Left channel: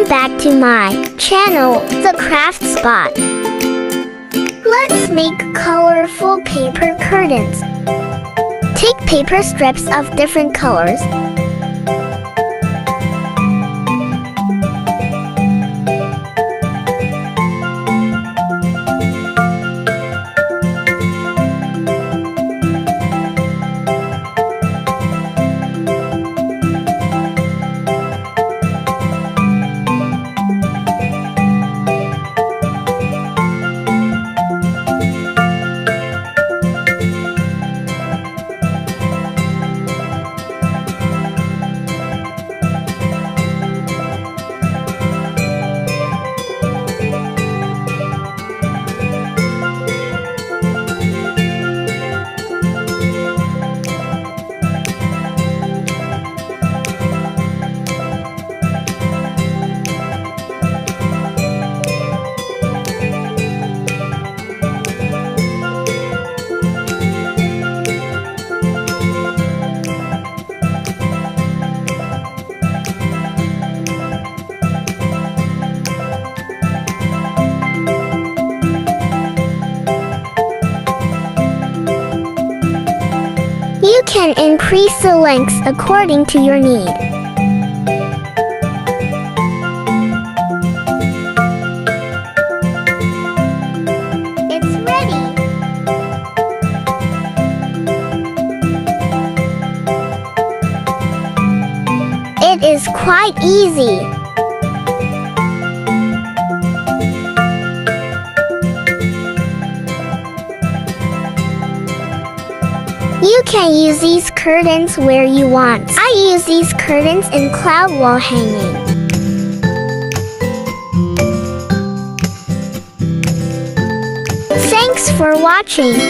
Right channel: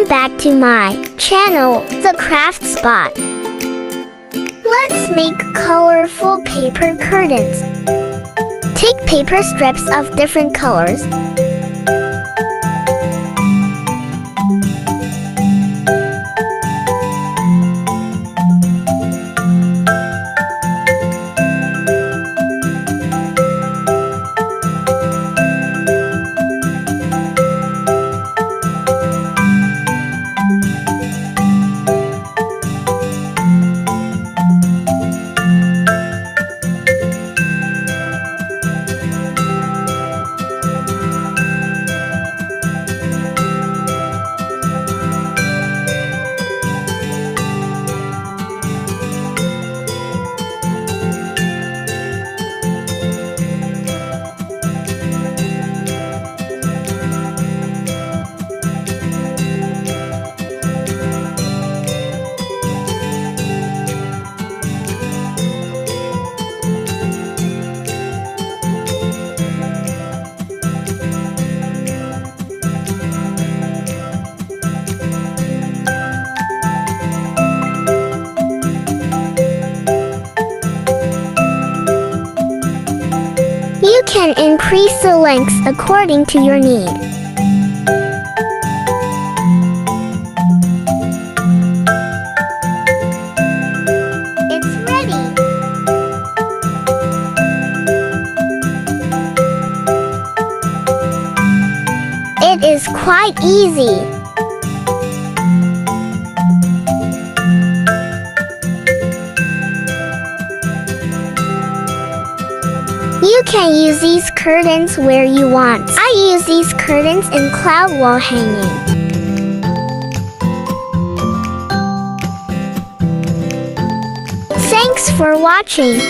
Welcome back to my channel, The Craft Spot. Let's make colorful paper curtains. Take paper strips of different colors. You can increase the lengths according to your need. It's ready! It is quite easy. You can use these curtains where you want. I use these curtains in cloud wall hanging. Thanks for watching.